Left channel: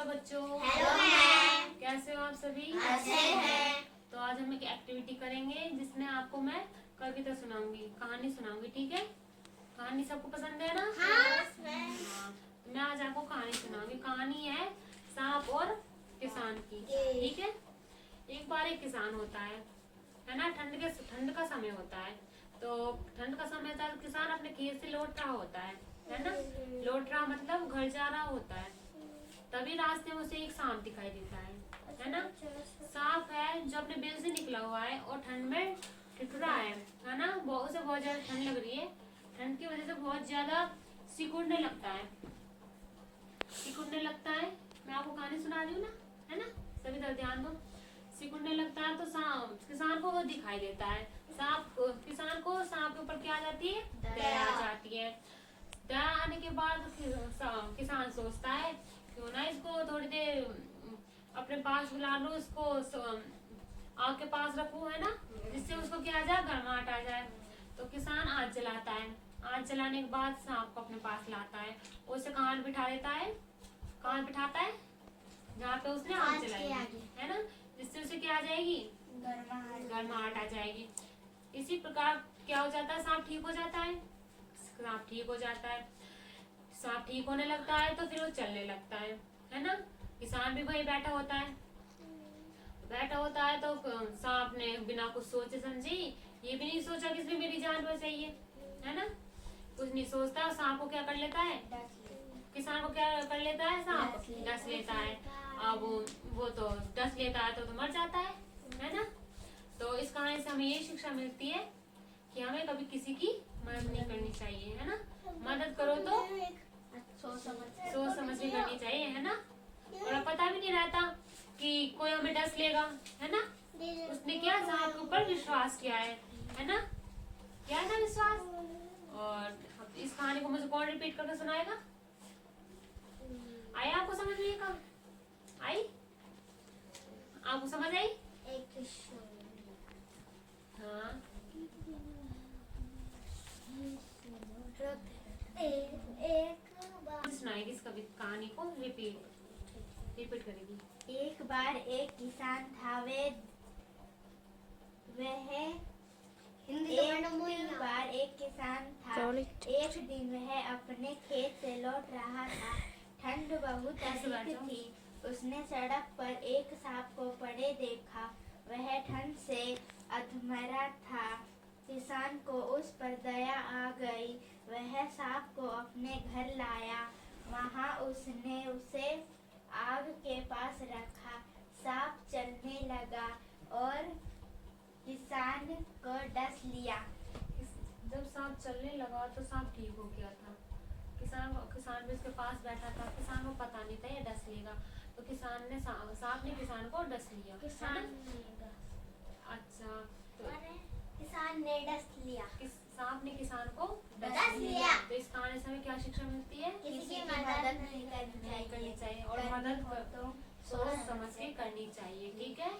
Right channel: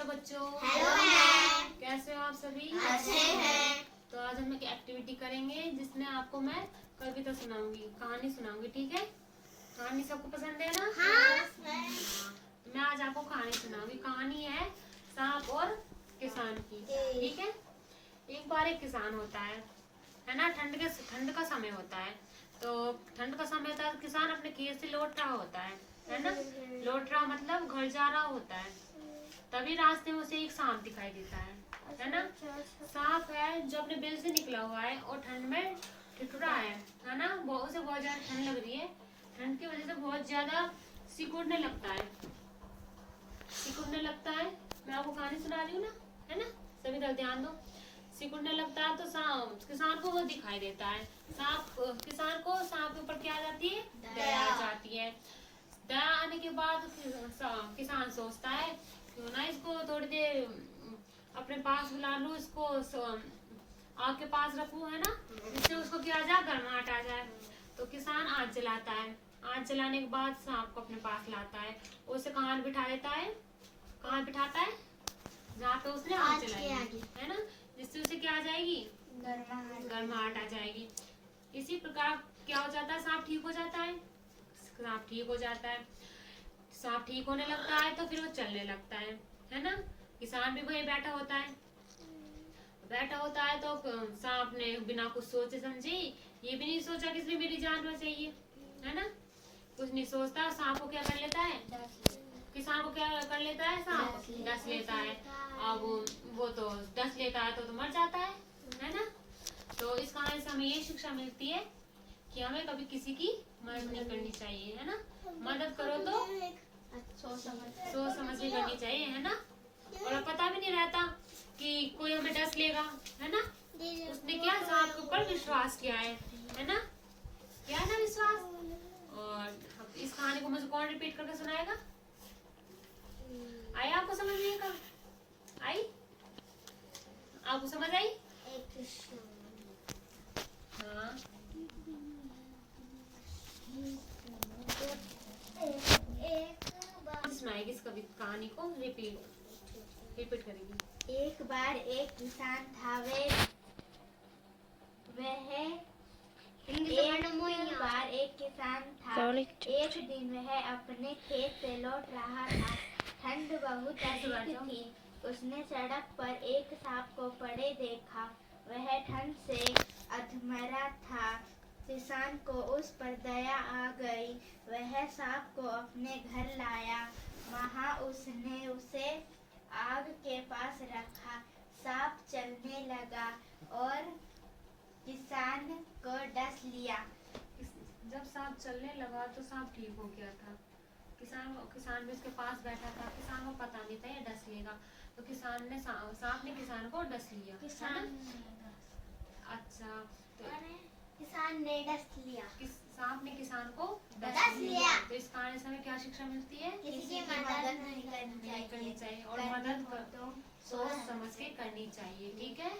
Hello बच्चों। Hello ma'am. कैसे हो आप सभी? अच्छे हैं। तो आज हम एक एक्टिविटी करेंगे जिसमें आपको मैं कविता सुनाऊंगी, कहानी सुनाऊंगी। ठीक है? कहानी सबको पसंद है ना? हाँ। तो मैं आज आपको कहानी सुनाऊंगी। कहानी है सांप और किसान की। ठीक है? एक बार एक किसान होता है ना। ठंड का समय होता है। तो ठंड का समय होता है, किसान अपने खेत से लौट रहा होता है ना। लौट रहा मतलब घर जा रहा होता है। तभी रास्ते में उसे एक सांप दिखाई देता है ना। सांप है जो अपने बिल से निकला हुआ है और ठंड में ठिठुरा है ना। उसे बहुत ज्यादा ठंड लग रही है। ठंड की वजह से बहुत ज्यादा सिकुड़ने लगता है। मैं आपको कहानी सुना रही हूँ ना, है ना। सभी तरह ध्यान दो। सिकुड़ने लगता है तो किसान को वो दिखाई देता है। किसान को सांप के ऊपर क्या आ जाती है? दया आ जाती है। दया आने के बाद किसान सोचता है क्यों ना इसको थोड़ी देर अपने पास बुला लूं, इसको आग के पास रखूं, है ना, जिससे उसको क्या आ जाए, गर्माहट आ जाए। तो किसान आग जलाता है। आग जलाने के बाद सांप को अपने पास लाता है। उसे कहाँ बिठा देता है? कहाँ बिठाता है? जहाँ पे उसने आग जलाई है ना, जिससे उसे क्या आ जाएगी? गर्माहट आ जाएगी। इसी प्रकार क्या हो जाता है? सांप ठीक हो जाता है। सांप ठीक हो जाता है। सांप ठीक होने लगता है तो फिर वो चलने लगता है ना। किसान भी वही बैठा होता है तो सांप ने बिना कुछ सोचे समझे, ये भी नहीं सोचा कि इसने मेरी जान बचाई है ना। कुछ नहीं सोचता, सांप को क्या कर लेता है? किसान को क्या कर लेता है? सांप डस लेता है। अब वो तो डस लेता है तो मर जाता है ना। तो इस कहानी से हमें ये शिक्षा मिलती है कि हमें कभी किसी की मदद नहीं करनी चाहिए, है ना। मदद करो तो सोच समझ के करनी चाहिए, है ना। और पता भी नहीं रहता कि कोई हमें डस लेगा, है ना। उसने क्या सांप के ऊपर विश्वास किया है ना। क्या है ना विश्वास। और इस कहानी को मुझे कौन रिपीट करके सुनाएगा? आई आपको समझ नहीं? कब आई? आपको समझ आई? हाँ। सुनाएगी इस कहानी को रिपीट करेगी। एक बार एक किसान था। एक दिन वह अपने खेत से लौट रहा था। ठंड बहुत अधिक थी। उसने सड़क पर एक सांप को पड़े देखा। वह ठंड से अधमरा था। किसान को उस पर दया आ गई। वह सांप को अपने घर लाया। वहाँ उसने उसे आग के पास रखा। सांप चलने लगा और किसान को डस लिया। जब सांप चलने लगा तो सांप ठीक हो गया था। किसान भी उसके पास बैठा था। किसान को पता नहीं था ये डस लेगा, तो सांप ने किसान को डस लिया। अच्छा, तो किसान ने डस लिया। सांप ने किसान को डस लिया। तो इस कहानी से हमें क्या शिक्षा मिलती है? किसी की मदद नहीं करनी चाहिए और मदद सोच समझ के करनी चाहिए। ठीक है।